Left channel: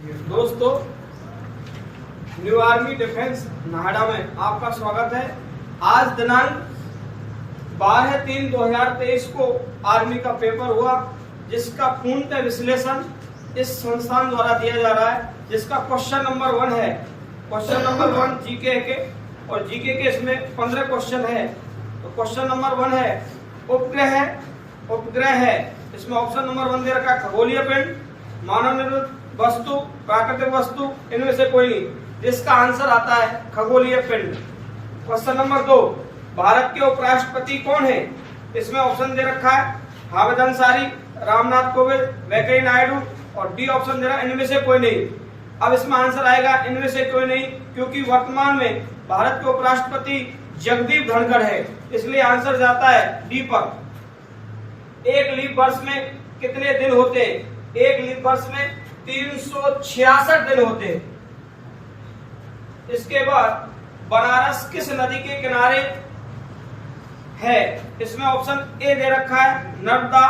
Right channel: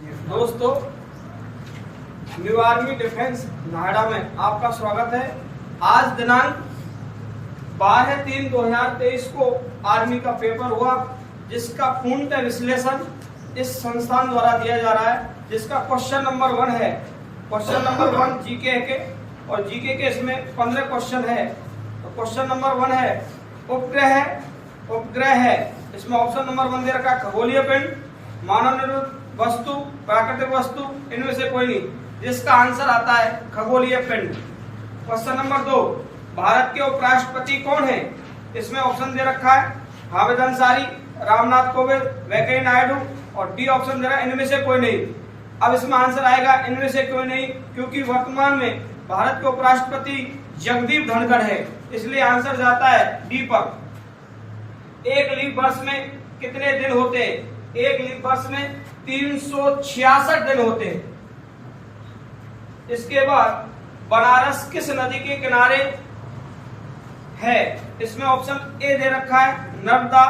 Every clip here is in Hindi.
दोस्तों, न्यू आर्मी डिफेंस नोएडा में आपका स्वागत है। आज दिनांक 12/3/2023 को आर्मी का पेपर हुआ, जिसका पूर्णतः विश्लेषण इस संस्थान द्वारा दिया जा रहा है, जिसका क्वेश्चन नंबर 1 है। क्वेश्चन नंबर 1 जीके के, और जीके के इसमें 15 क्वेश्चन है। तो क्वेश्चन नंबर 1 है उपग्रह है। इसमें ऑप्शन नंबर 1 दे रखा है खगोलीय पिंड, मानव निर्मित वस्तु, प्राकृतिक वस्तु, इनमें से कोई नहीं, जिसका आंसर आता है खगोलीय पिंड। क्वेश्चन नंबर 2, भारत के उपराष्ट्रपति कौन है? इसमें ऑप्शन दे रखा है हामिद अंसारी, रामनाथ कोविंद, वेंकैया नायडू, और डी ऑप्शन दे रहा है इनमें से कोई नहीं। अब इसमें आंसर आएगा इनमें से कोई नहीं, क्योंकि वर्तमान में भारत के उपराष्ट्रपति जगदीप धनखड़ है, इसलिए आंसर जाता है डी पर। एक लीप वर्ष में कितने दिन होते हैं? एक लीप वर्ष में 366 दिन होते हैं। इसके बाद बनारस किस नदी के किनारे है? इसमें ऑप्शन ए दे रखा है नर्मदा,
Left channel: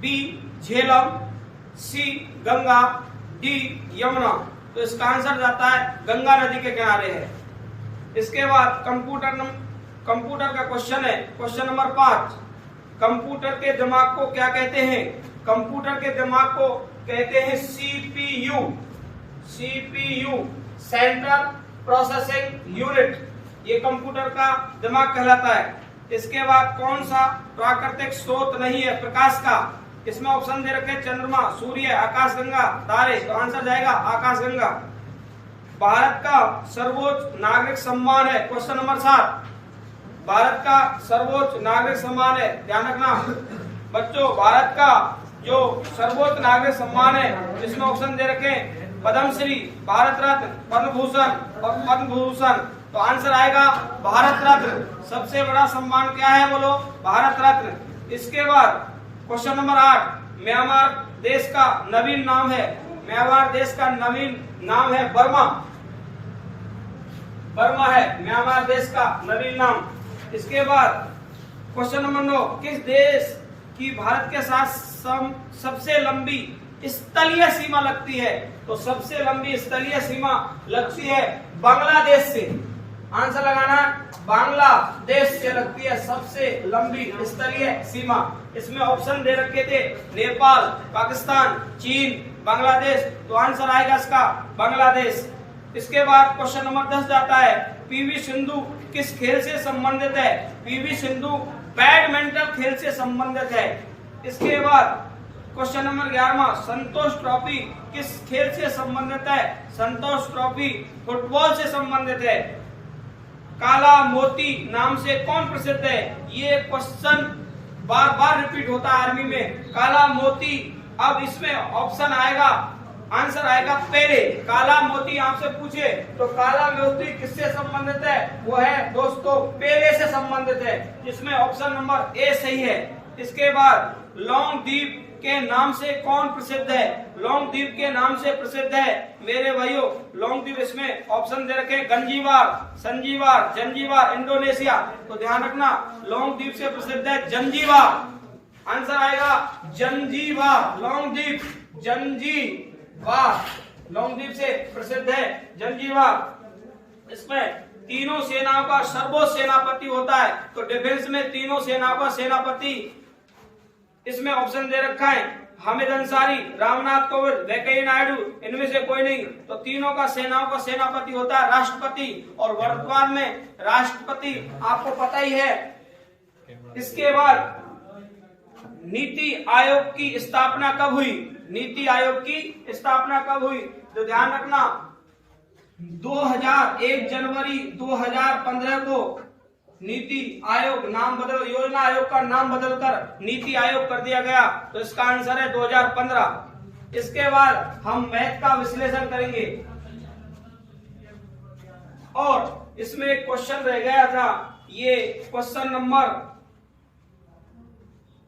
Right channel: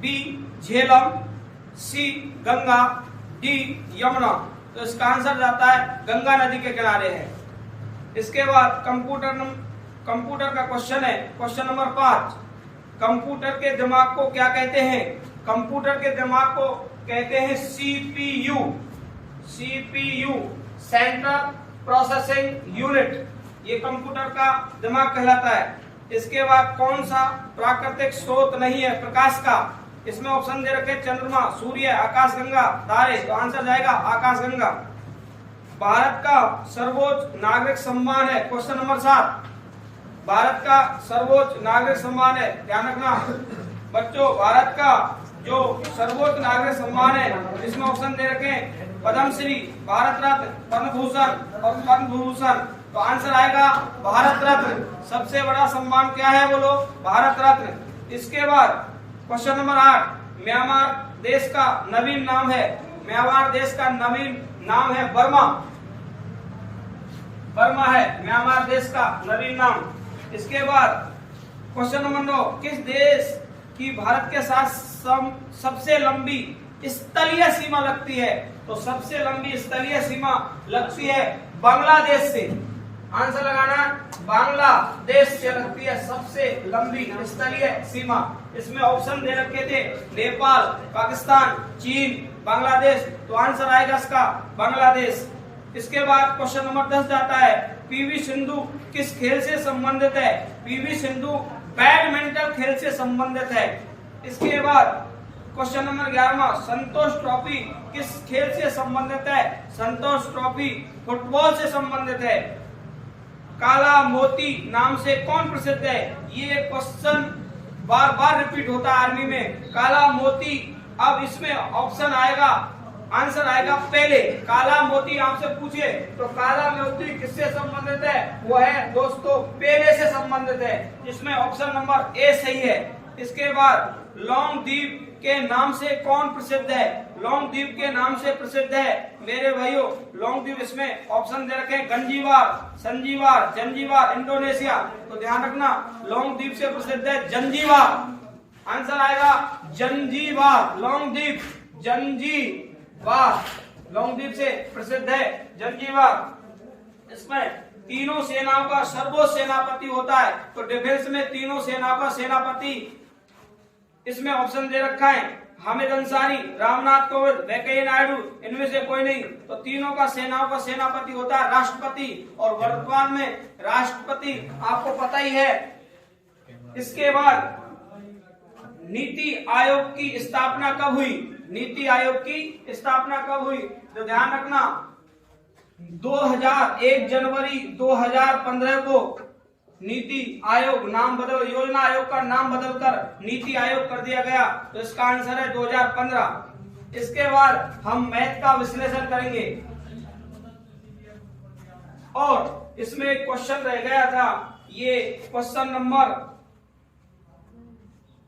बी झेलम, सी गंगा, डी यमुना। तो इसका आंसर जाता है गंगा नदी के किनारे है। इसके बाद कंप्यूटर का क्वेश्चन है, क्वेश्चन नंबर 5। कंप्यूटर के दिमाग को क्या कहते हैं? कंप्यूटर के दिमाग को कहते हैं सीपीयू, सेंट्रल प्रोसेसिंग यूनिट। ये कंप्यूटर का दिमाग कहलाता है। इसके बाद कौन सा प्राकृतिक स्रोत नहीं है प्रकाश का? इसमें ऑप्शन दे रखे चंद्रमा, सूर्य, आकाशगंगा, तारे। तो आंसर जाएगा आकाशगंगा। भारत का सर्वोच्च नागरिक सम्मान है, क्वेश्चन नंबर 7। भारत का सर्वोच्च नागरिक सम्मान है, ध्यान रखना बच्चों, भारत का जो सर्वोच्च नागरिक सम्मान है, इसमें ऑप्शन दे रखे पद्मश्री, भारत रत्न, पद्म भूषण और पद्म भूषण। तो आंसर आएगा भारत रत्न। सबसे बड़ा सम्मान क्या है? बोलो, भारत रत्न। इसके बाद क्वेश्चन नंबर 8, म्यांमार देश का नवीन नाम है। म्यांमार देश का नवीन नाम है बर्मा। बर्मा है म्यांमार देश का नवीन नाम। इसके बाद क्वेश्चन नंबर 9, किस देश की भारत के साथ सबसे लंबी स्थलीय सीमा लगती है? तो सबसे लंबी स्थलीय सीमा लगती है बांग्लादेश से। आंसर लगाना, बांग्लादेश से लगती है सबसे लंबी स्थलीय सीमा। इसमें ऑप्शन दे रखे थे नेपाल, पाकिस्तान, चीन, बांग्लादेश। तो आंसर आएगा इसका बांग्लादेश। इसके बाद क्वेश्चन नंबर 10 जाता है पीवी सिंधु किस खेल से संबंधित है? पीवी सिंधु बैडमिंटन खेल से संबंधित है। इसके बाद क्वेश्चन नंबर 11, संतोष ट्रॉफी किस खेल से संबंधित है? संतोष ट्रॉफी फुटबॉल से संबंधित है। काला मोती नाम से कौन प्रसिद्ध है? ये क्वेश्चन बार बार रिपीट होता है आर्मी में, काला मोती। अब इसमें ऑप्शन आएगा, आंसर आएगा पहले। काला मोती आपसे पूछे तो काला मोती किससे संबंधित है? वो है दोस्तों पेले से संबंधित है, जिसमें ऑप्शन नंबर ए सही है। इसके बाद लॉन्गद्वीप के नाम से कौन प्रसिद्ध है? लॉन्गद्वीप के नाम से प्रसिद्ध है मेरे भाइयों लॉन्गद्वीप। इसमें ऑप्शन दे रखे गंजीबार, संजीबार, जंजीबार, इंडोनेशिया। तो ध्यान रखना, लॉन्गद्वीप से प्रसिद्ध है जंजीबार। आंसर आएगा जंजीबार। लॉन्गद्वीप जंजीबार, लॉन्गद्वीप से प्रसिद्ध है जंजीबार। इसमें तीनों सेनाओं का सर्वोच्च सेनापति होता है। तो डिफेंस में तीनों सेनाओं का सेनापति, इसमें ऑप्शन दे रखा है हामिद अंसारी, रामनाथ कोविंद, वेंकैया नायडू, इनमें से कोई नहीं। तो तीनों का सेनाओं का सेनापति होता है राष्ट्रपति, और वर्तमान में राष्ट्रपति आपको पता ही है। इसके बाद नीति आयोग की स्थापना कब हुई? नीति आयोग की स्थापना कब हुई? तो ध्यान रखना 1 जनवरी 2015 को नीति आयोग नाम बदल, योजना आयोग का नाम बदलकर नीति आयोग कर दिया गया। तो इसका आंसर है 2015। इसके बाद हम मैथ का विश्लेषण करेंगे, और इसमें एक क्वेश्चन रह गया था, ये क्वेश्चन नंबर,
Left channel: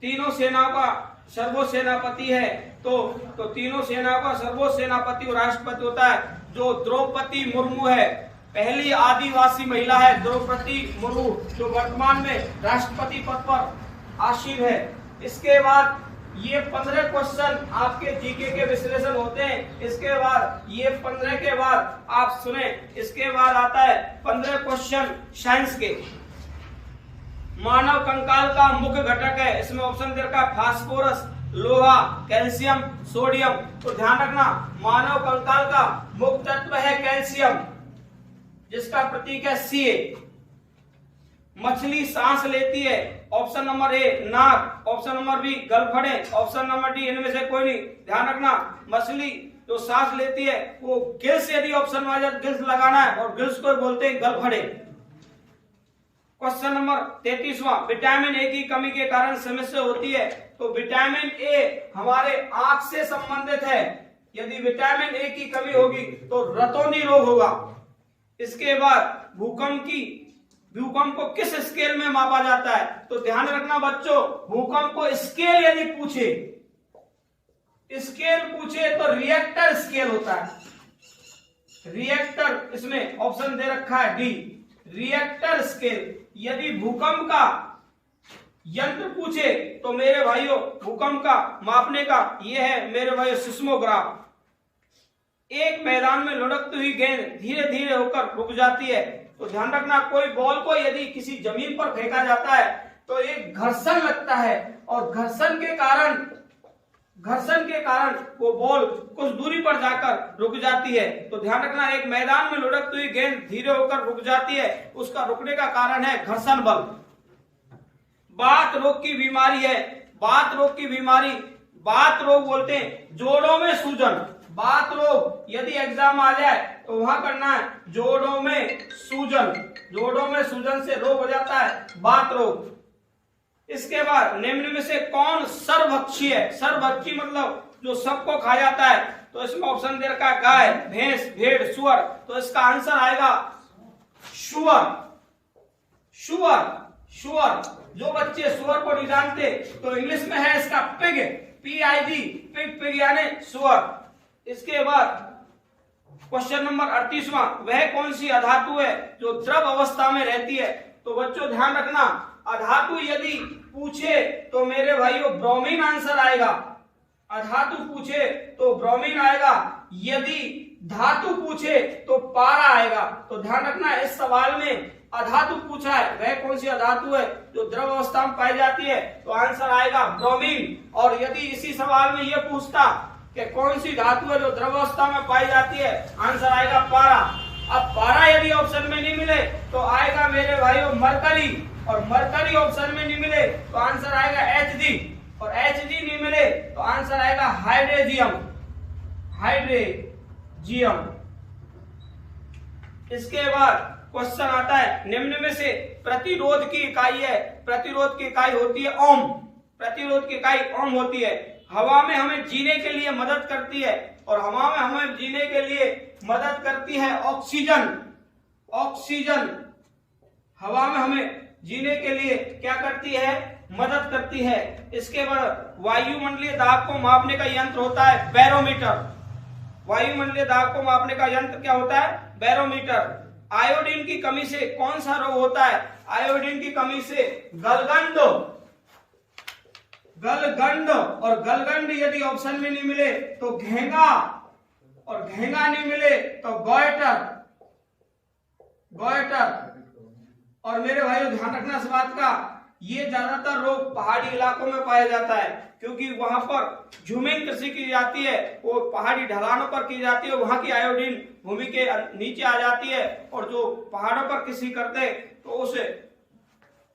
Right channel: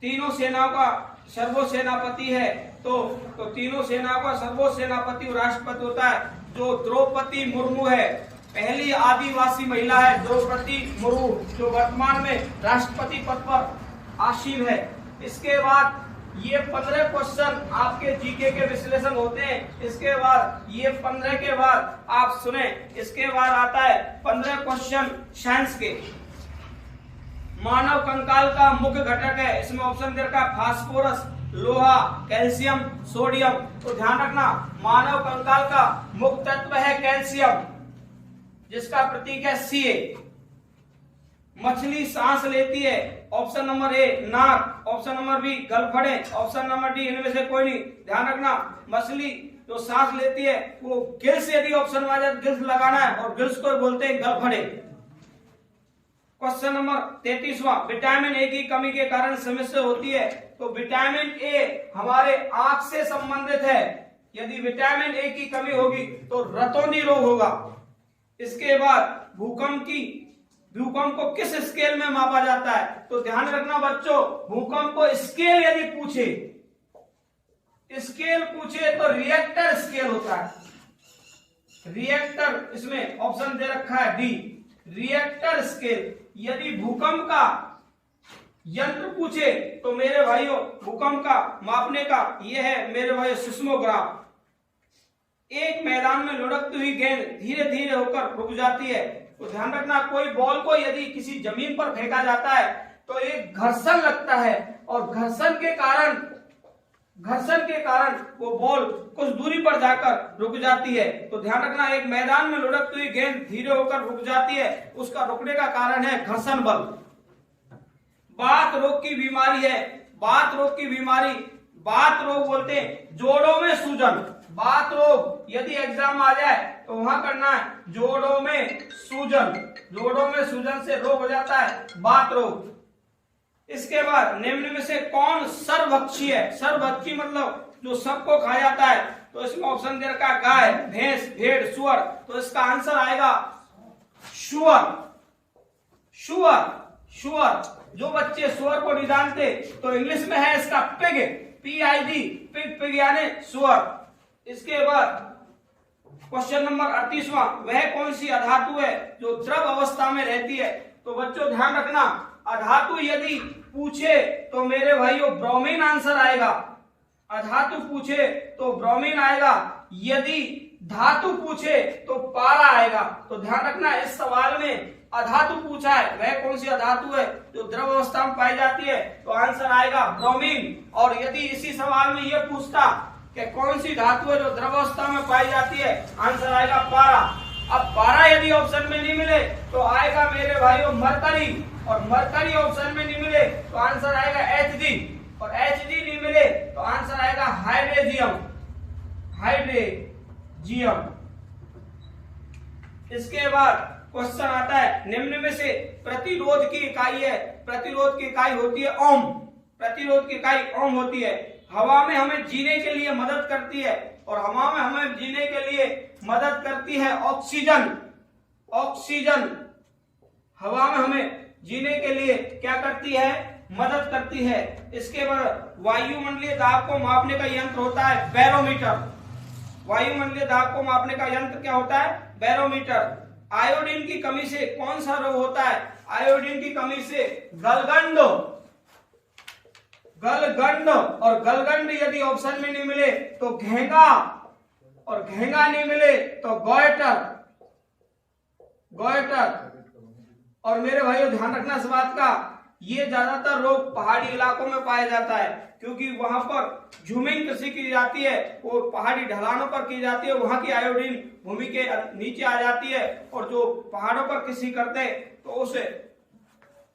तीनों सेनाओं का सर्वोच्च सेनापति है। तो तीनों सेनाओं का सर्वोच्च सेनापति और राष्ट्रपति होता है, जो द्रौपदी मुर्मू है। पहली आदिवासी महिला है द्रौपदी मुर्मू, जो वर्तमान में राष्ट्रपति पद पर आसीन है। इसके बाद ये 15 क्वेश्चन आपके जीके के विश्लेषण होते हैं। इसके बाद ये 15 के बाद आप सुने, इसके बाद आता है 15 क्वेश्चन साइंस के। मानव कंकाल का मुख्य घटक है, इसमें ऑप्शन दे रखा है फास्फोरस, लोहा, कैल्शियम, सोडियम। तो ध्यान रखना, मानव कंकाल का मुख्य तत्व है कैल्शियम, जिसका प्रतीक है Ca। मछली सांस लेती है, ऑप्शन नंबर ए नाक, ऑप्शन नंबर बी गलफड़े, ऑप्शन नंबर डी इनमें से कोई नहीं। ध्यान रखना, मछली जो सांस लेती है वो गिल्स, यदि ऑप्शन में आ जाए गिल्स लगाना है, और गिल्स को बोलते हैं गलफड़े। क्वेश्चन नंबर 33वां, विटामिन ए की कमी के कारण समस्या होती है। तो विटामिन ए हमारे आंख से संबंधित है, यदि विटामिन ए की कमी होगी तो रतौंधी रोग होगा। इसके बाद भूकंप को किस स्केल में मापा जाता है? तो ध्यान रखना बच्चों, भूकंप को स्केल यदि पूछे तो रिएक्टर स्केल होता है। रिएक्टर, इसमें ऑप्शन दे रखा है डी, रिएक्टर स्केल। यदि भूकंप का यंत्र पूछे तो मेरे भाइयों भूकंप का मापने का यह है मेरे भाइयों सिस्मोग्राफ। एक मैदान में लुढ़कती हुई गेंद धीरे धीरे होकर रुक जाती है। तो ध्यान रखना, कोई बॉल को यदि किसी जमीन पर फेंका जाता है तो एक घर्षण लगता है, और घर्षण के कारण वो बॉल कुछ दूरी पर जाकर रुक जाती है। तो ध्यान रखना, एक मैदान में लुढ़कती हुई गेंद धीरे होकर रुक जाती है, उसका रुकने का कारण है घर्षण बल। बात रोग की बीमारी है, बात रोग बोलते हैं जोड़ों में सूजन। बात रोग यदि एग्जाम आ जाए तो वहां करना है जोड़ों में सूजन से रोग हो जाता है बात रोग। इसके बाद निम्न में से कौन सर्वभक्षी है? सर्वभक्षी मतलब जो सबको खा जाता है। तो इसमें ऑप्शन दे रखा है गाय, भैंस, भेड़, सुअर। तो इसका आंसर आएगा सुअर। जो बच्चे सुअर को नहीं जानते तो इंग्लिश में है इसका पिग, PIG, पिग यानी सुअर। इसके बाद क्वेश्चन नंबर 38वां, वह कौन सी अधातु है जो द्रव अवस्था में रहती है? तो बच्चों ध्यान रखना, अधातु यदि पूछे तो मेरे भाइयों ब्रोमीन आंसर आएगा। अधातु पूछे तो ब्रोमीन आएगा, यदि धातु पूछे तो पारा आएगा। तो ध्यान रखना, इस सवाल में अधातु पूछा है, वह कौन सी अधातु है जो द्रव अवस्था में पाई जाती है? तो आंसर आएगा ब्रोमीन। और यदि इसी सवाल में यह पूछता कि कौन सी धातु है जो द्रव अवस्था में पाई जाती है, आंसर आएगा पारा। अब पारा यदि ऑप्शन में नहीं मिले तो आएगा मेरे भाइयों मरकरी, और मरकरी ऑप्शन में नहीं मिले तो आंसर आएगा Hg, और Hg नहीं मिले तो आंसर आएगा हाइड्रेजियम। इसके बाद क्वेश्चन आता है, निम्न में से प्रतिरोध की इकाई है, प्रतिरोध की इकाई होती है ओम। प्रतिरोध की इकाई ओम होती है। हवा में हमें जीने के लिए मदद करती है, और हवा में हमें जीने के लिए मदद करती है ऑक्सीजन। हवा में हमें जीने के लिए क्या करती है? मदद करती है। इसके बाद वायुमंडलीय दाब को मापने का यंत्र होता है बैरोमीटर। वायुमंडलीय दाब को मापने का यंत्र क्या होता है? बैरोमीटर। आयोडीन की कमी से कौन सा रोग होता है? आयोडीन की कमी से गलगंड, और गलगंड यदि ऑप्शन में नहीं मिले तो घेंगा, और घेंगा नहीं मिले तो गोइटर। और मेरे भाइयों ध्यान रखना इस बात का, ये ज्यादातर रोग पहाड़ी इलाकों में पाया जाता है, क्योंकि वहां पर झूमिंग कृषि की जाती है, वो पहाड़ी ढलानों पर की जाती है, वहां की आयोडीन भूमि के नीचे आ जाती है, और जो पहाड़ों पर कृषि करते हैं तो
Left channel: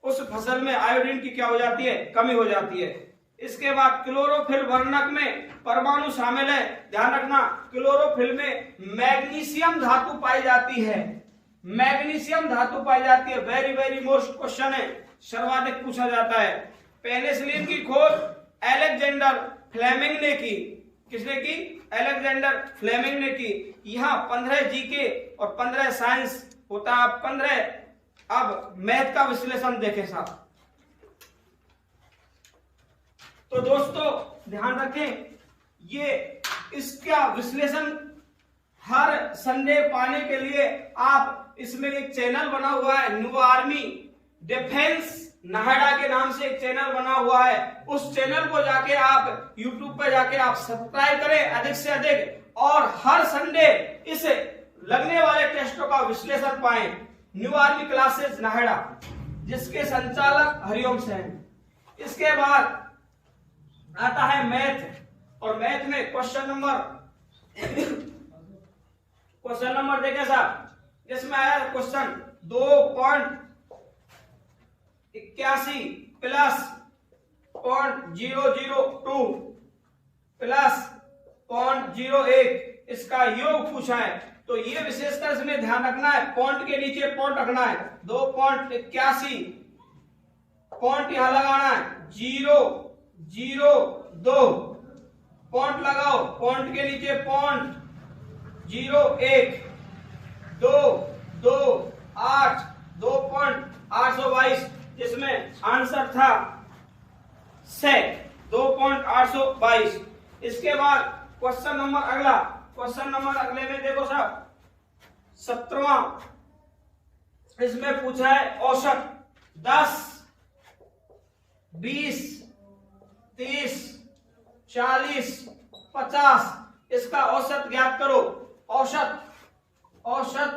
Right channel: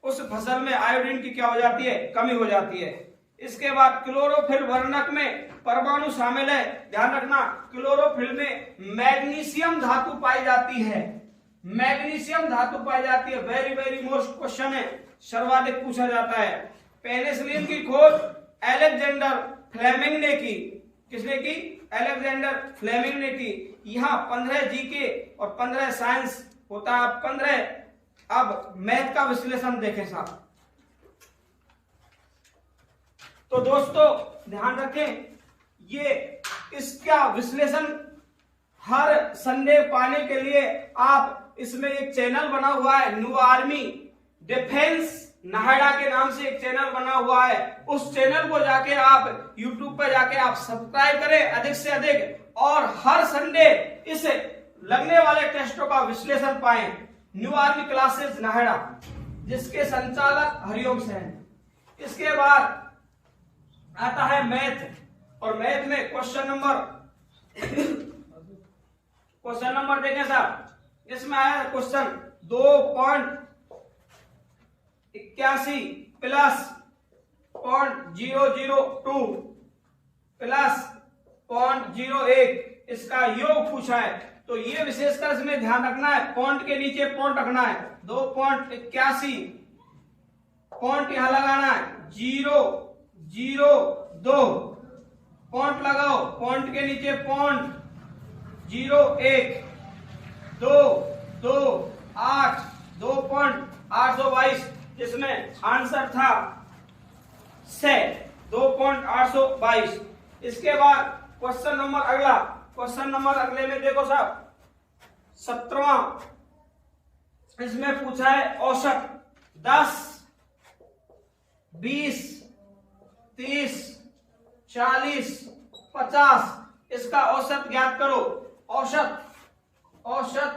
उस फसल में आयोडीन की क्या हो जाती है? कमी हो जाती है। इसके बाद क्लोरोफिल वर्णक में परमाणु शामिल है। ध्यान रखना, क्लोरोफिल में मैग्नीशियम धातु पाई जाती है। वेरी वेरी मोस्ट क्वेश्चन है, सर्वाधिक पूछा जाता है। पेनिसिलिन की खोज अलेक्जेंडर फ्लेमिंग ने की। किसने की? अलेक्जेंडर फ्लेमिंग ने की। यहाँ 15 जीके और 15 साइंस होता है। 15 अब मैथ का विश्लेषण देखें साहब। तो दोस्तों ध्यान रखें, ये इसका विश्लेषण हर संडे पाने के लिए आप इसमें एक चैनल बना हुआ है, न्यू आर्मी डिफेंस नाहेडा के नाम से एक चैनल बना हुआ है, उस चैनल को जाके आप यूट्यूब पर जाके आप सब्सक्राइब करें अधिक से अधिक, और हर संडे इस लगने वाले टेस्टों का विश्लेषण पाएं। न्यू आर्मी क्लासेस नाहेडा, जिसके संचालक हरिओम से हैं। इसके बाद आता है मैथ, और मैथ में क्वेश्चन नंबर देखें साहब, इसमें आया क्वेश्चन 2.81 प्लस 0.002 प्लस 0.01 इसका योग पूछा है। तो ये विशेषकर इसमें ध्यान रखना है, पॉइंट के नीचे पॉइंट रखना है। 2.81 पॉइंट यहां लगाना है, 0.02 पॉइंट लगाओ, पॉइंट के नीचे पॉइंट, 0.1 2.8 2.822, इसमें आंसर था 2.822। इसके बाद क्वेश्चन नंबर अगला, क्वेश्चन नंबर अगले में देखो साहब 17वां, इसमें पूछा है औसत 10 20 30 40 50, इसका औसत ज्ञात करो। औसत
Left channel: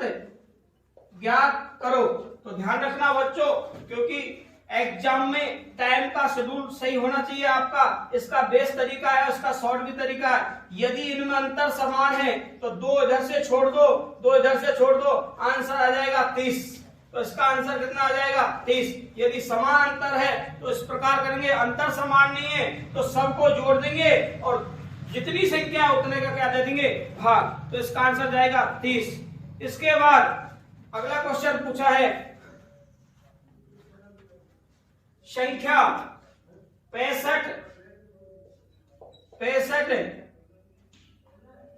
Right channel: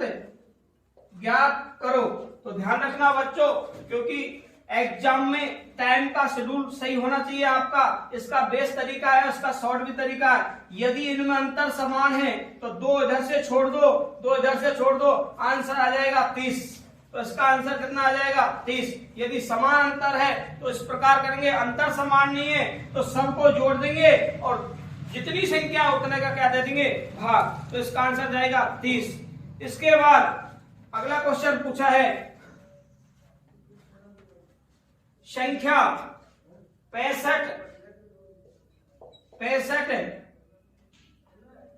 ज्ञात करो। तो ध्यान रखना बच्चों, क्योंकि एग्जाम में टाइम का शेड्यूल सही होना चाहिए आपका। इसका बेस्ट तरीका है, उसका शॉर्ट भी तरीका है। यदि इनमें अंतर समान है तो 2 इधर से छोड़ दो, 2 इधर से छोड़ दो, आंसर आ जाएगा 30। तो इसका आंसर कितना आ जाएगा 30। यदि समान अंतर है तो इस प्रकार करेंगे, अंतर समान नहीं है तो सब को जोड़ देंगे और जितनी संख्या उतने का क्या दे देंगे भाग। तो इसका आंसर जाएगा 30। इसके बाद अगला क्वेश्चन पूछा है संख्या 65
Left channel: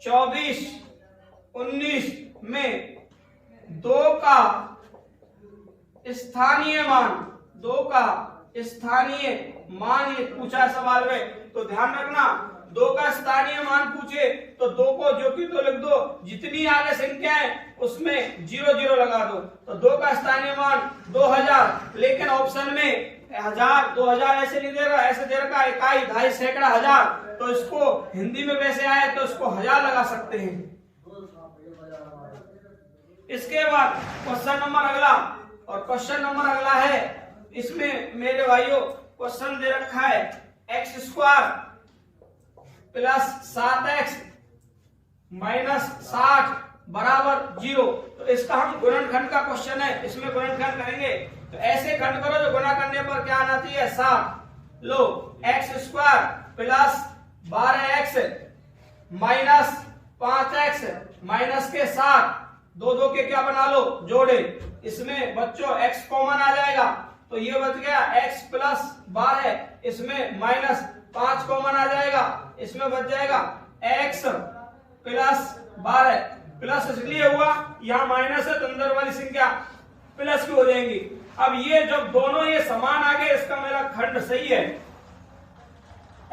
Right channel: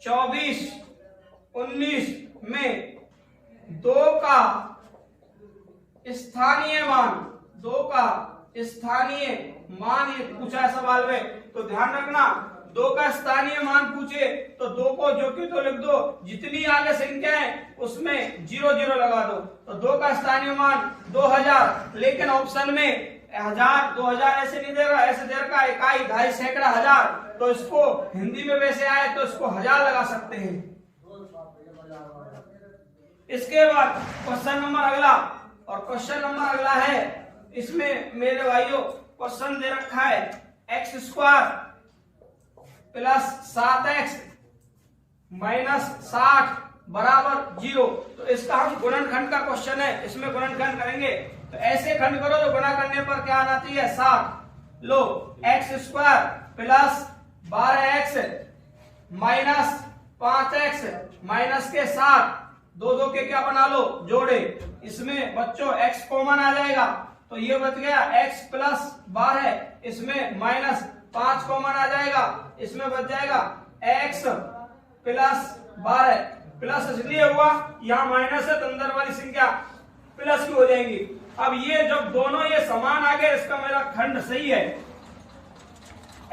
24 19 में 2 का स्थानीय मान ये पूछा है सवाल में। तो ध्यान रखना, 2 का स्थानीय मान पूछे तो 2 को जो कि तो लिख दो, जितनी आगे संख्या है उसमें 0 0 लगा दो। तो 2 का स्थानीय मान 2000, लेकिन ऑप्शन में 1000 2000 ऐसे नहीं दे रहा, ऐसे दे रखा इकाई, ढाई, सैकड़ा, हजार। तो इसको हिंदी में वैसे आए तो इसको 1000 लगा सकते हैं। इसके बाद क्वेश्चन नंबर अगला, और क्वेश्चन नंबर अगला है, इसमें मेरे भाइयों क्वेश्चन दे रखा है x² प्लस 7x माइनस 60 बराबर 0। तो इसका हम गुणनखंड का क्वेश्चन है, इसमें गुणनखंड करेंगे। तो ऐसे खंड करो जो गुणा करने पर क्या आना चाहिए 7। लो, x² plus 12x minus 5x minus के 7, 2 2 के क्या बना लो जोड़े। इसमें बच्चों x कॉमन आ जाएगा, तो ये बच गया x प्लस 12, इसमें माइनस 5 कॉमन आ जाएगा, इसमें बच जाएगा x प्लस 12। प्लस इसलिए हुआ यहाँ माइनस है तो अंदर वाली संख्या प्लस की हो जाएंगी। अब ये जब दोनों ये समान आ गए, इसका मेरा खंड सही है।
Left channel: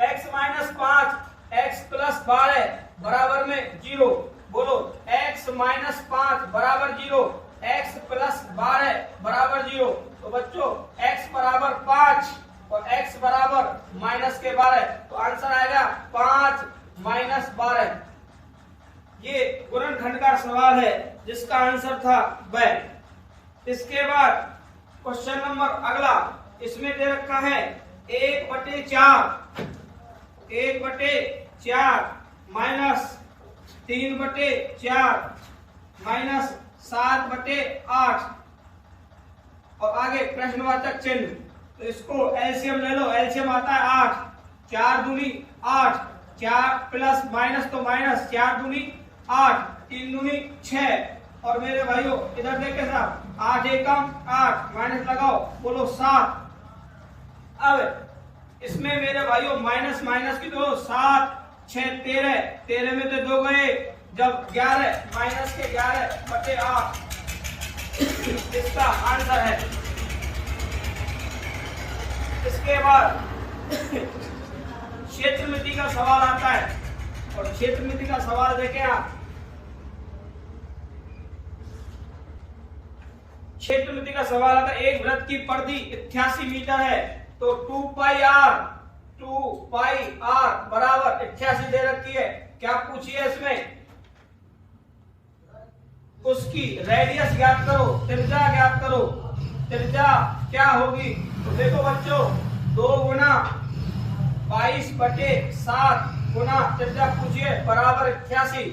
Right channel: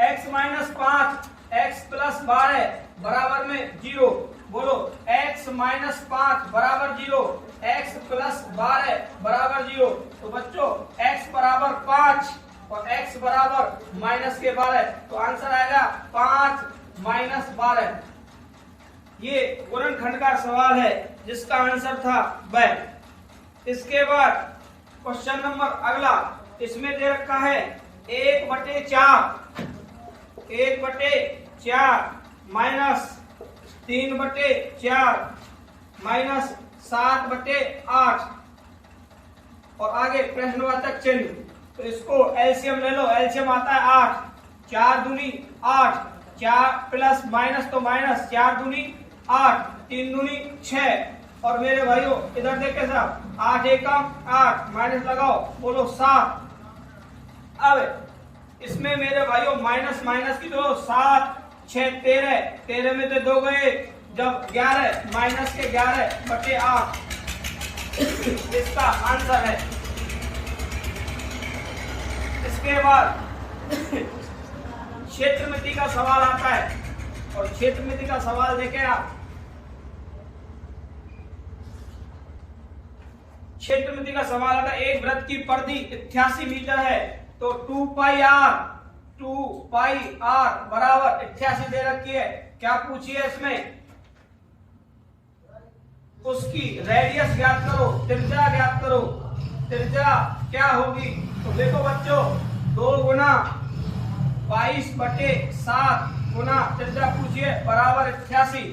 x माइनस 5 x प्लस 12 बराबर में 0। बोलो, x माइनस 5 बराबर 0, x प्लस 12 बराबर 0। तो बच्चों x बराबर 5 और x बराबर माइनस के 12, तो आंसर आएगा 5 माइनस 12। ये गुणनखंड का सवाल है जिसका आंसर था ब। इसके बाद क्वेश्चन नंबर अगला, इसमें दे रखा है 1/4 माइनस 3/4 माइनस 7/8 और आगे प्रश्नवाचक चिन्ह। तो इसको एलसीएम ले लो, एलसीएम आता है 8, 4 दूनी 8, 4 प्लस माइनस तो माइनस, 4 दूनी 8, 3 दूनी 6। और मेरे भाइयों इधर देखे साहब, 8 एकम 8 माइनस लगाओ, बोलो 7। अब इसमें मेरे भाइयों माइनस माइनस की दो, 7 6 13, 13 में तो 2 गए, जब 11 माइनस के 11/8 इसका आंसर है। इसके बाद क्षेत्रमिति का सवाल आता है, और क्षेत्रमिति का सवाल देखें आप। क्षेत्रमिति का सवाल आता है। एक वृत्त की परिधि 88 मीटर है, तो 2 पाई आर बराबर 88 दे रखी है। क्या पूछिए इसमें, उसकी रेडियस ज्ञात करो, त्रिज्या ज्ञात करो। त्रिज्या क्या होगी, तो देखो बच्चों 2 गुना 22/7 गुना त्रिज्या पूछिए बराबर 88।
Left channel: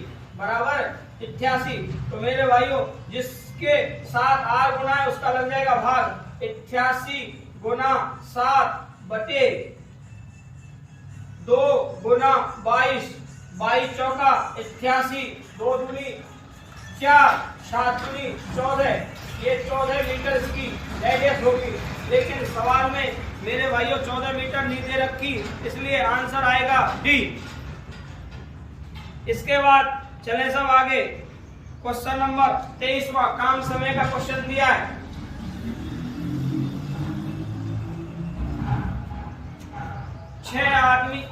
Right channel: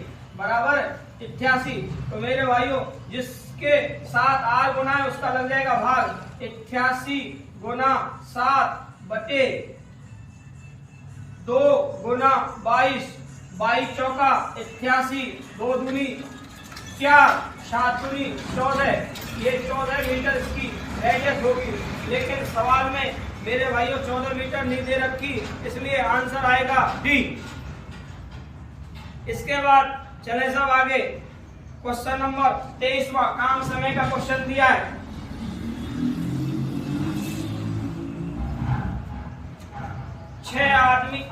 तो मेरे भाइयों जिसके साथ आर गुना है उसका लग जाएगा भाग 88 गुना 7/2 गुना 22 चौका 88, 2 दूनी 4, 7 दूनी 14, ये 14 मीटर इसकी रेडियस होगी। लेकिन सवाल में मेरे भाइयों 14 मीटर नहीं दे रखी, इसलिए आंसर आएगा डी। इसके बाद चले सब आगे। क्वेश्चन नंबर 23वां काम समय का क्वेश्चन दिया है।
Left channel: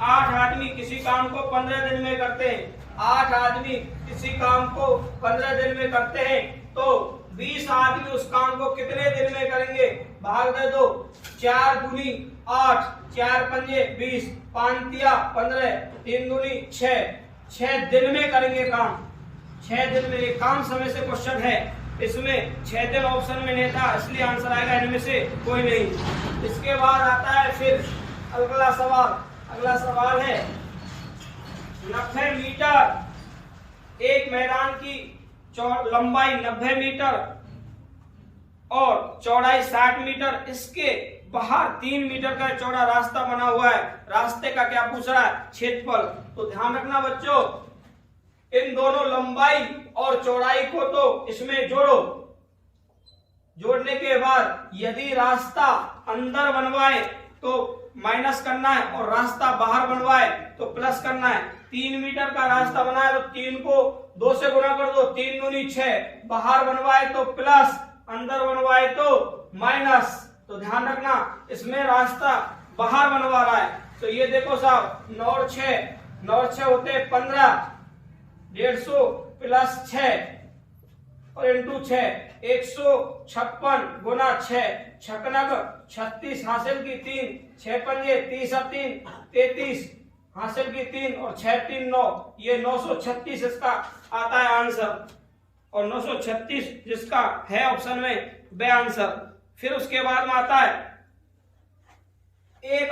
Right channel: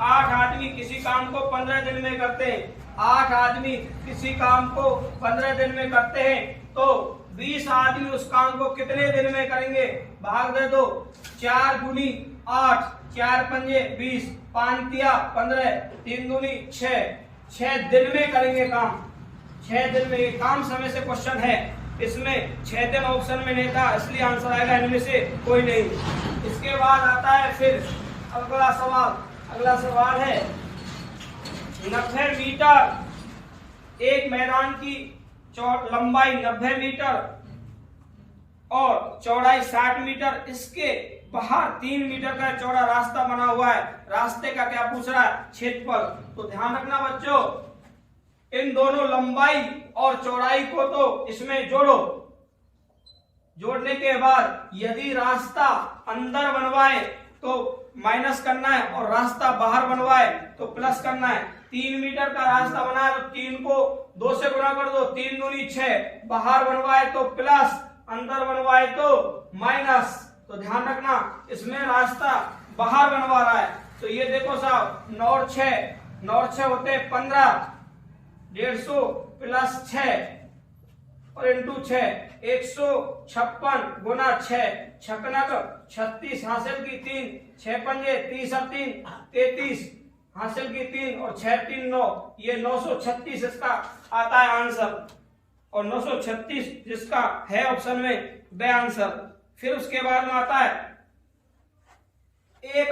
8 आदमी किसी काम को 15 दिन में करते हैं। 8 आदमी किसी काम को 15 दिन में करते हैं, तो 20 आदमी उस काम को कितने दिन में करेंगे, भाग दे दो। 4 दूनी 8, 4 पंजे 20, 5 तिया 15, 3 दूनी 6 दिन में करेंगे काम। 6 दिन में, काम समय से क्वेश्चन है, इसमें 6 दिन ऑप्शन में नहीं था, इसलिए आंसर आएगा इनमें से कोई नहीं। इसके बाद आता है फिर अगला सवाल है 90 मीटर। एक मैदान की लंबाई 90 मीटर और चौड़ाई 60 मीटर, इसके बाहर 3 मीटर का चौड़ा रास्ता बना हुआ है। रास्ते का क्या पूछ रहा है, क्षेत्रफल। तो ध्यान रखना बच्चों, इन दोनों लंबाई और चौड़ाई को तो इसमें जोड़ो। जोड़ने के बाद यदि रास्ता अंदर बनवाए तो माइनस करना है, और रास्ता बाहर बनवाए तो प्लस करना है। 3 मीटर का रास्ता बनाए तो 3 को 2 से गुणा कर दो, 3 दूनी 6, बाहर बनवाए तो प्लस, अंदर बनवाए तो माइनस। तो ध्यान रखना इसमें रास्ता बाहर बनवा रहा है। तो ये देखो साहब 9 और 6 होते हैं 15, 150 प्लस 6 और इंटू 6, 156 गुना 6, 36 हासिल की 3, 6 पंजे 30 और 3 33 हासिल की 3 और 6 3 9, ये 936 इसका आता है आंसर। और 936 जिसका है ऑप्शन में वह आंसर। फिर उसके बाद में आता है एक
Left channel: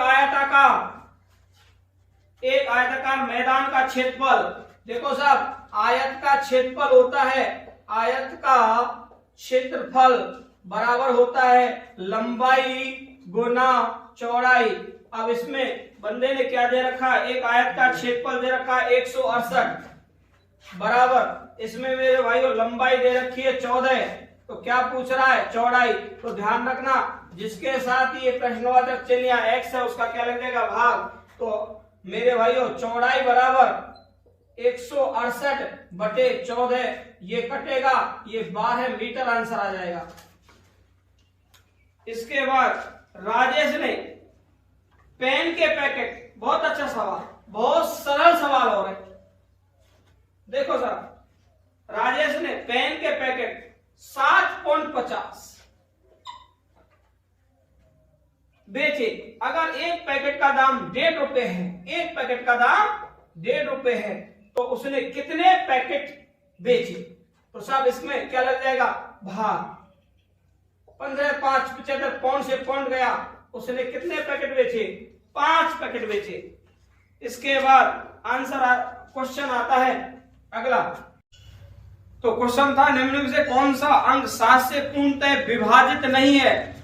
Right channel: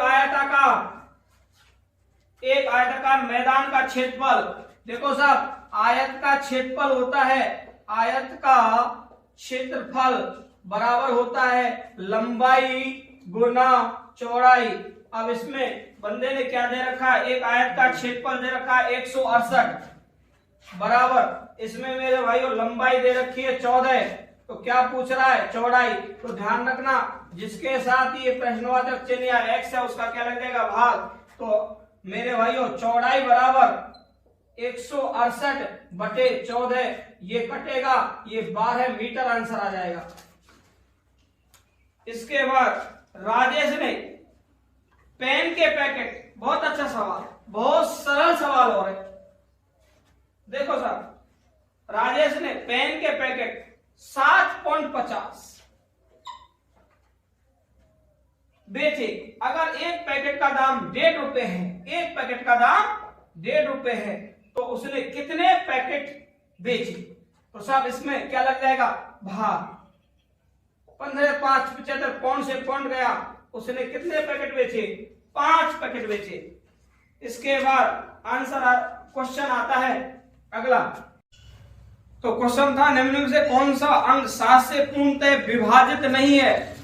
आयताकार मैदान का क्षेत्रफल। देखो साहब, आयत का क्षेत्रफल होता है, आयत का क्षेत्रफल बराबर होता है लंबाई गुना चौड़ाई। अब इसमें बंदे ने क्या दे रखा है, एक आयत का क्षेत्रफल दे रखा है 168 बराबर, इसमें मेरे भाइयों लंबाई दे रखी है 14, तो क्या पूछ रहा है, चौड़ाई। तो ध्यान रखना जिसके साथ ये प्रश्नवाचक चिन्ह या एक्स है उसका क्या लगेगा, भाग। तो मेरे भाइयों चौड़ाई बराबर 168/14, ये कटेगा, ये 12 मीटर आंसर आ जाएगा। इसके बाद राजेश ने पेन के पैकेट, बहुत अच्छा सवाल, बहुत सरल सवाल हो रहा है। देखो सर, राजेश ने पेन के पैकेट 7.50 बेचे। अगर एक पैकेट का दाम 1.5 रुपए है, एक पैकेट का दाम 1.5 रुपए है, तो उसने कितने पैकेट बेचे। तो साहब इसमें क्या लग जाएगा, भाग। 15 5 75 पौंड से पौंड गया, उसने कितने पैकेट बेचे, 5 पैकेट बेचे। इसके बाद आंसर क्वेश्चन आता है अगला। तो क्वेश्चन था निम्नलिखित से कौन सा अंक 7 से पूर्णतः विभाजित नहीं है।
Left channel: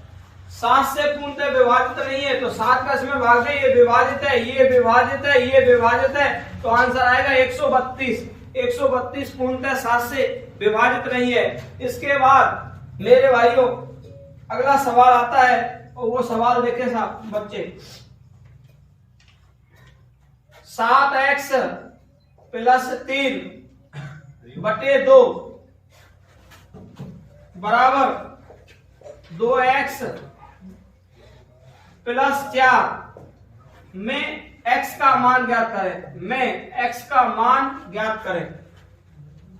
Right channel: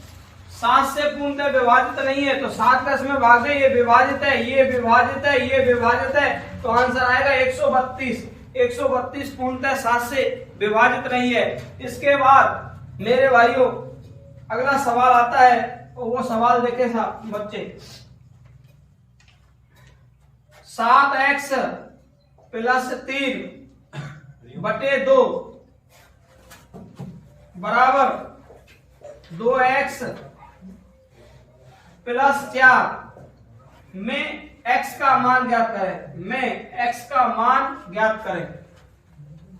7 से पूर्णतः विभाजित नहीं है, तो 7 का इसमें भाग दे, ये विभाजित है, ये विभाजित है, ये विभाजित है, तो आंसर आएगा 132। 132 पूर्णतः 7 से विभाजित नहीं है। इसके बाद मेरे भाइयों अगला सवाल आता है, और वो सवाल देखे साहब बच्चे, 7x + 3/2 बराबर 2x + 4 में x का मान ज्ञात करें,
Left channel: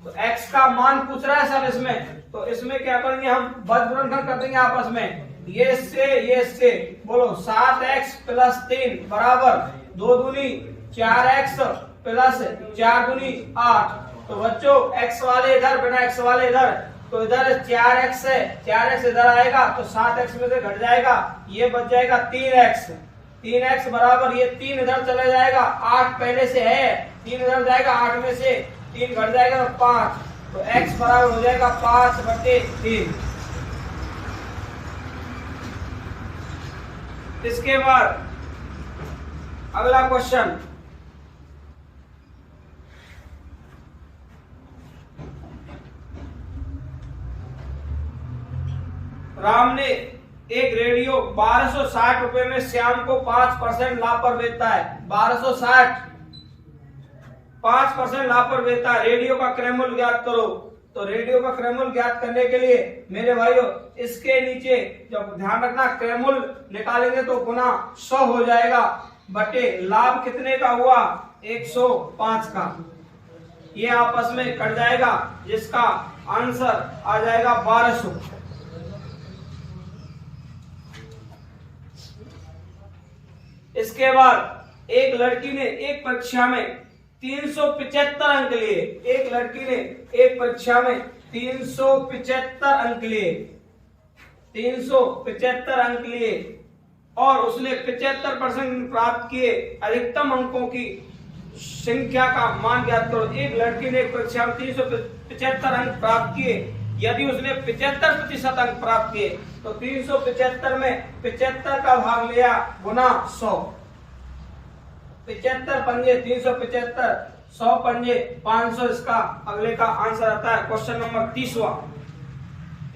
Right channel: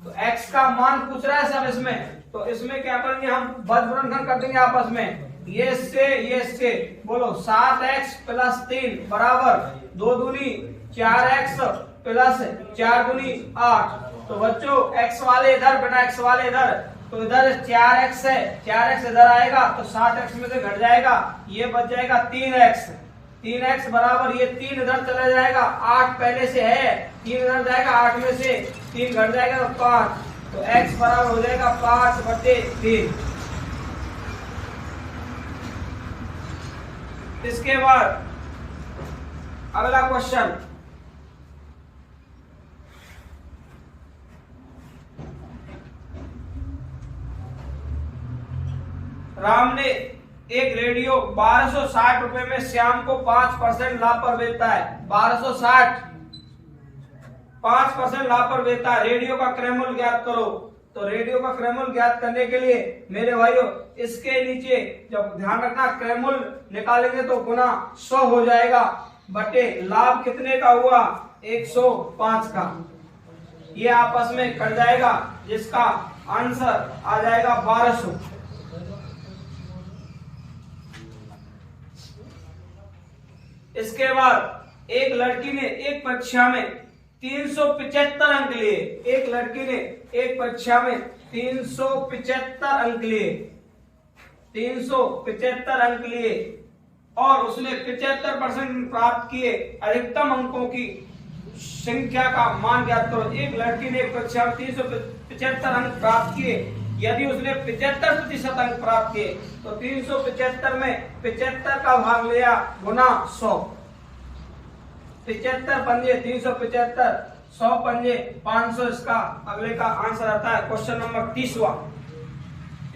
तो x का मान पूछ रहा है सर इसमें, तो इसमें क्या करेंगे हम बदबुरन कर देंगे आपस में, ये इससे बोलो 7x प्लस 3 बराबर 2 दूनी 4x प्लस 4 दूनी 8। तो बच्चों x वाले इधर बिना x वाले इधर, तो इधर 4x है, 4x इधर आएगा तो 7x में से घट जाएगा, ये बच जाएगा 3x बराबर ये 3 इधर चले जाएगा, 8 पहले से है, 3 इधर जाएगा, 8 में से 3 घट जाएगा तो 5, तो x बराबर हो जाएगा 5/3। इसके बाद अगला क्वेश्चन, राम ने एक रेडियो 1260 रुपए में श्याम को 5% लाभ पर बेचता है। 1260 5% लाभ पर बेचता है। रेडियो का क्रयमूल्य ज्ञात करो। तो रेडियो का क्रयमूल्य ज्ञात करने के लिए मेरे भाइयों इसके नीचे जब ध्यान रखना क्रयमूल्य निकालेंगे तो गुना 100 हो जाएगा बटे लाभ कितने का हुआ 105 का, ये आपस में कट जाएगा जिसका आंसर आ जाएगा 1200। इसके बाद एक लड़की ने एक परीक्षा में 375 अंक लिए। एक लड़की ने एक परीक्षा में 375 अंक लिए, 375 अंक लिए और उसने 75% प्राप्त किए। अधिकतम अंकों की संख्या का मान ज्ञात करो। एक लड़की ने एक परीक्षा में 375 अंक प्राप्त किए। यदि उसने 75% अंक प्राप्त किए तो 375 में 75 का भाग लिया गुना 100। 75 पंजे 375, 100 पंजे 500, इसका अगले का आंसर आता है क्वेश्चन नंबर 30वां।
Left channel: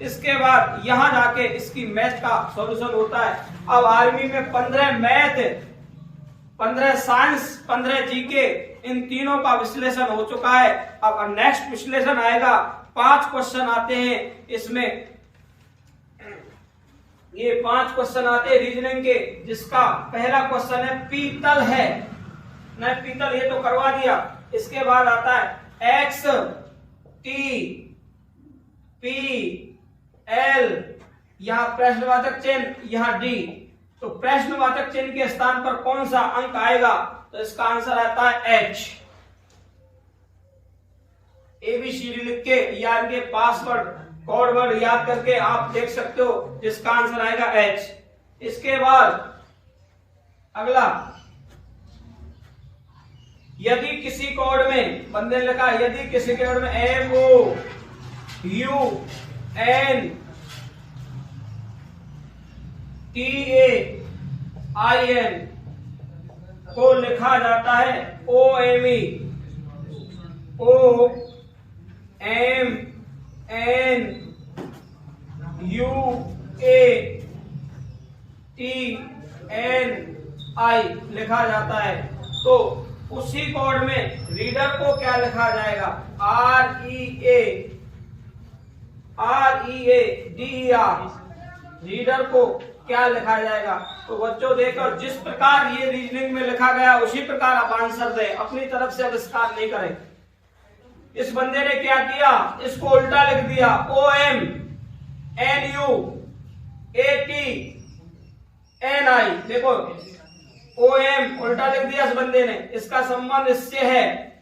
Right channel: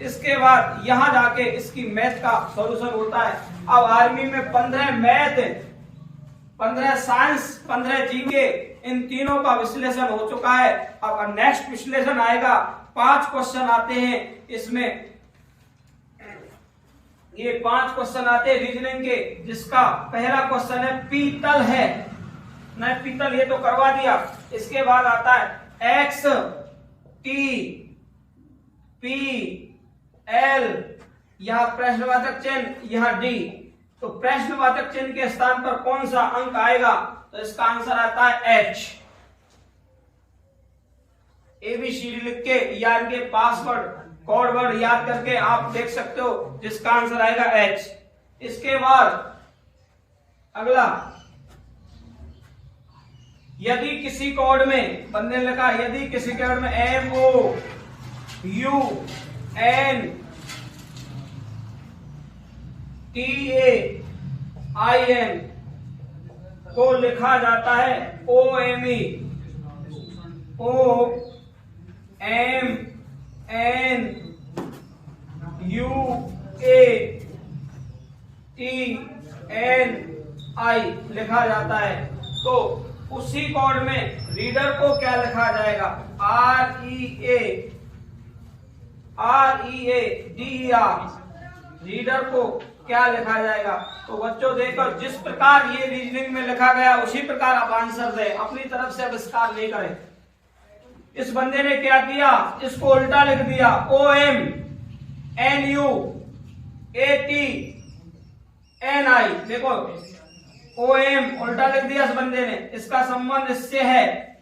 इसके बाद यहां जाके इसकी मैथ का सॉल्यूशन होता है। अब आर्मी में 15 मैथ, 15 साइंस, 15 जीके, इन तीनों का विश्लेषण हो चुका है। अब नेक्स्ट विश्लेषण आएगा। 5 क्वेश्चन आते हैं इसमें, ये 5 क्वेश्चन आते हैं रीजनिंग के, जिसका पहला क्वेश्चन है पीतल है, नहीं पीतल ये तो करवा दिया। इसके बाद आता है एक्स टी पी एल, यहां प्रश्नवाचक चिन्ह, यहां डी, तो प्रश्नवाचक चिन्ह के स्थान पर कौन सा अंक आएगा, तो इसका आंसर आता है एच। एबीसीडी लिख के या इनके पासवर्ड कोड वर्ड याद करके आप देख सकते हो, जिसका आंसर आएगा एच। इसके बाद अगला, यदि किसी कोड में बंदे ने लिखा, यदि किसी कोड में MOUNTAIN को लिखा जाता है OMMUATNI लिखा जाता है, तो उसी कोड में रीडर को क्या लिखा जाएगा, READER, रीडर को क्या लिखा जाएगा। तो बच्चों देखो, जिस प्रकार ये रीजनिंग में लिखा गया उसी प्रकार आप आंसर दे, अपनी तरफ से विस्तार नहीं करें। इस बंदे ने क्या किया, इसको उल्टा लिख दिया, OMNUATNI, देखो OM उल्टा लिख दिया इस बंदे ने, इसका संबंध इससे है।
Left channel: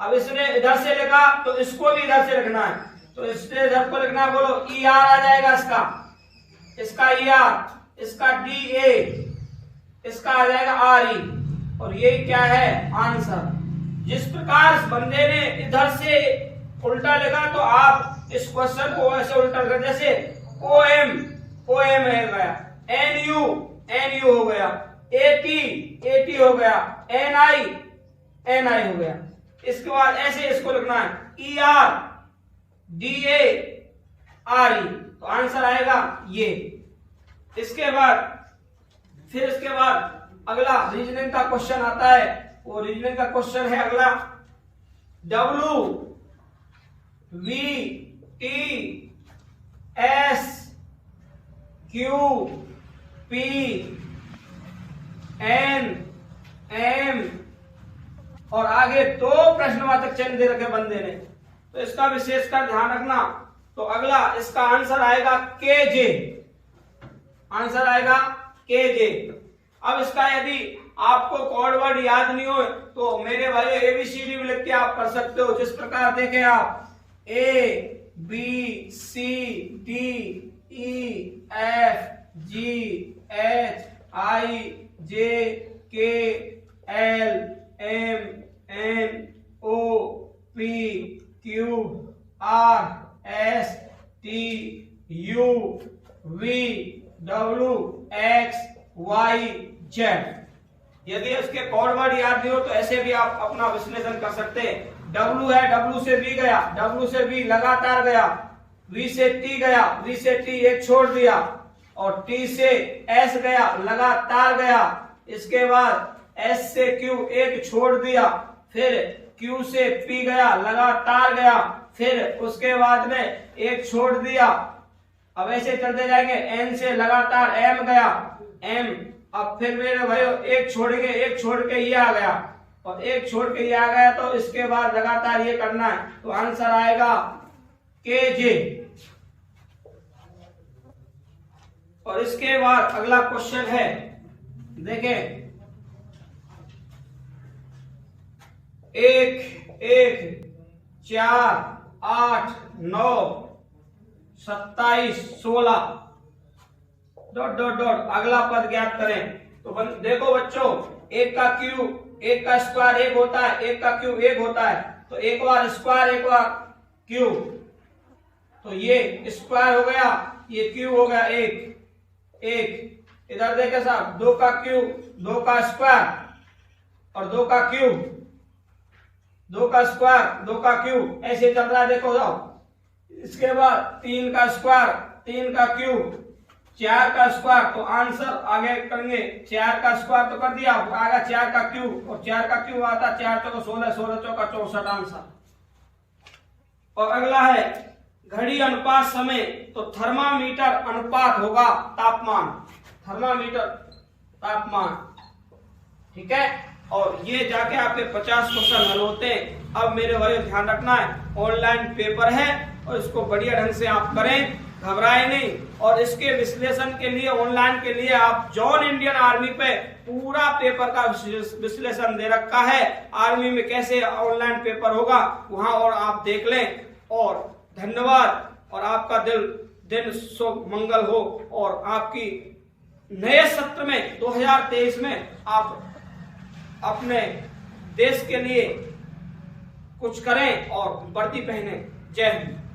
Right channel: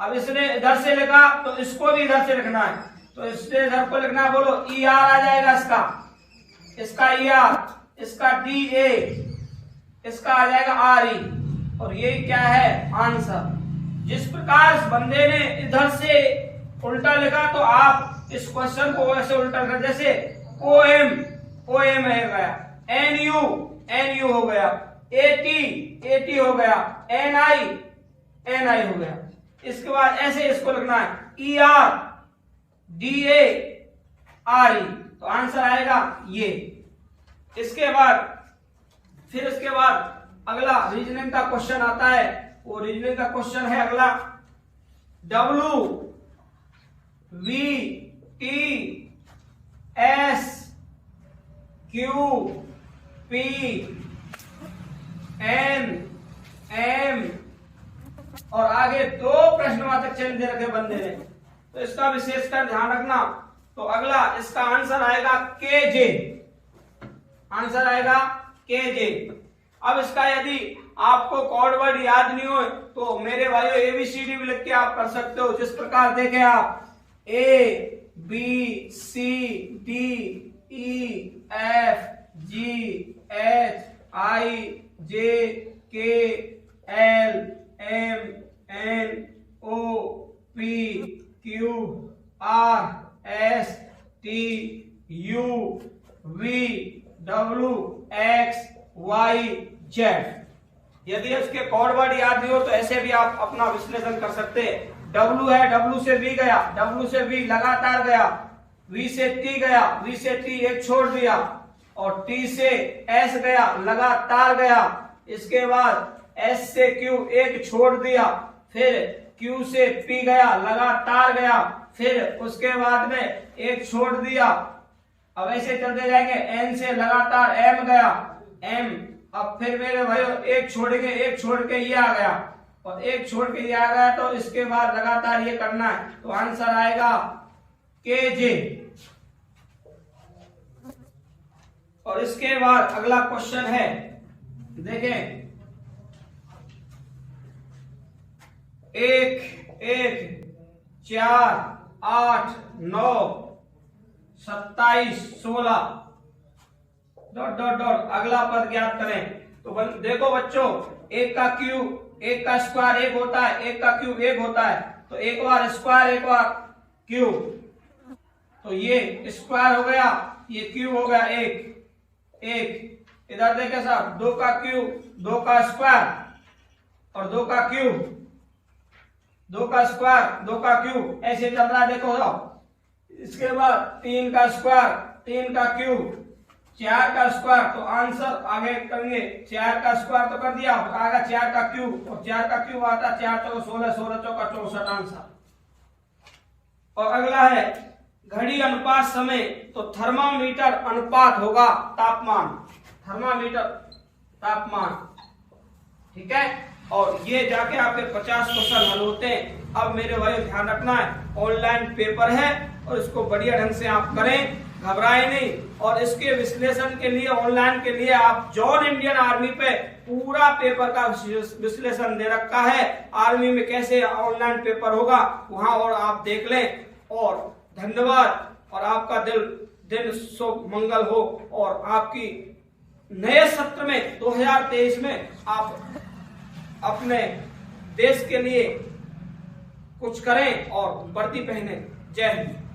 अब इसने इधर से लिखा तो इसको भी इधर से लिखना है, तो इससे इधर को लिखना है, बोलो ER आ जाएगा इसका ER, इसका DA, इसका आ जाएगा RE, और ये क्या है आंसर। जिस प्रकार इस बंदे ने इधर से उल्टा लिखा तो आप इस क्वेश्चन को ऐसे उल्टा कर, जैसे OM हो गया, NU हो गया, AT हो गया, NI हो गया। इसके बाद ऐसे इसको लिखना है ER DA RE, तो आंसर आएगा ये। इसके बाद अगला रीजनिंग का क्वेश्चन आता है, वो रीजनिंग का क्वेश्चन है अगला, WTSQPNM और आगे 2 प्रश्नवाचक चिन्ह दे रखे बंदे ने, तो इसका विशेषकर ध्यान रखना। तो अगला इसका आंसर आएगा केजे, आंसर आएगा केजे। अब इसका यदि आपको कोड वर्ड याद नहीं हो तो मेरे भाइयों एबीसीडी भी लिख के आप कर सकते हो। जिस प्रकार देखें आप A B C D E F G H I J K L M N O P Q R S T U V W X Y Z. यदि इसके कोड वर्ड याद नहीं हो तो ऐसे भी आप अपना विश्लेषण कर सकते हैं। डब्ल्यू है, डब्ल्यू से वी गया, डब्ल्यू से वी लगातार गया, वी से टी गया, वी से टी एक छोड़ दिया, और टी से एस गया, लगातार गया। इसके बाद एस से क्यू एक छोड़ दिया, फिर क्यू से पी गया, लगातार गया, फिर उसके बाद में एक छोड़ दिया। अब ऐसे चलते जाएंगे, एन से लगातार एम गया, एम, अब फिर मेरे भाई एक छोड़ के ये आ गया, और एक छोड़ के ये आ गया, तो इसके बाद लगातार ये करना है। तो आंसर आएगा के जे। और इसके बाद अगला क्वेश्चन है, देखें, 1 1 4 8 9 27 16 डॉट डॉट डॉट अगला पद ज्ञात करें। तो देखो बच्चों, एक का क्यू, एक का स्क्वायर एक होता है, एक का क्यू एक होता है, तो एक बार स्क्वायर एक बार क्यू, तो ये स्क्वायर हो गया, ये क्यू हो गया एक एक। इधर देखे साहब, 2 का क्यू, 2 का स्क्वायर और 2 का क्यू, 2 का स्क्वायर 2 का क्यू, ऐसे चल रहा है देखो साहब। इसके बाद 3 का स्क्वायर 3 का क्यू, 4 का स्क्वायर, तो आंसर आगे करेंगे, 4 का स्क्वायर तो कर दिया, आगे 4 का क्यू, और 4 का क्यू आता 4 चौका 16, 16 चौका 64 आंसर। और अगला है घड़ी अनुपात समय, तो थर्मामीटर अनुपात होगा तापमान, थर्मामीटर तापमान, ठीक है। और ये जाके आपके 50 क्वेश्चन हल होते हैं। अब मेरे भाई ध्यान रखना है, ऑनलाइन पेपर है और इसको बढ़िया ढंग से आप करें, घबराए नहीं। और इसके विश्लेषण के लिए, ऑनलाइन के लिए आप जॉन इंडियन आर्मी पे पूरा पेपर का विश्लेषण दे रखा है, आर्मी में कैसे ऑनलाइन पेपर होगा वहां, और आप देख लें। और धन्यवाद, और आपका दिन शुभ मंगल हो, और आपकी नए सत्र में 2023 में आप अपने देश के लिए कुछ करें और वर्दी पहने। जय हिंद।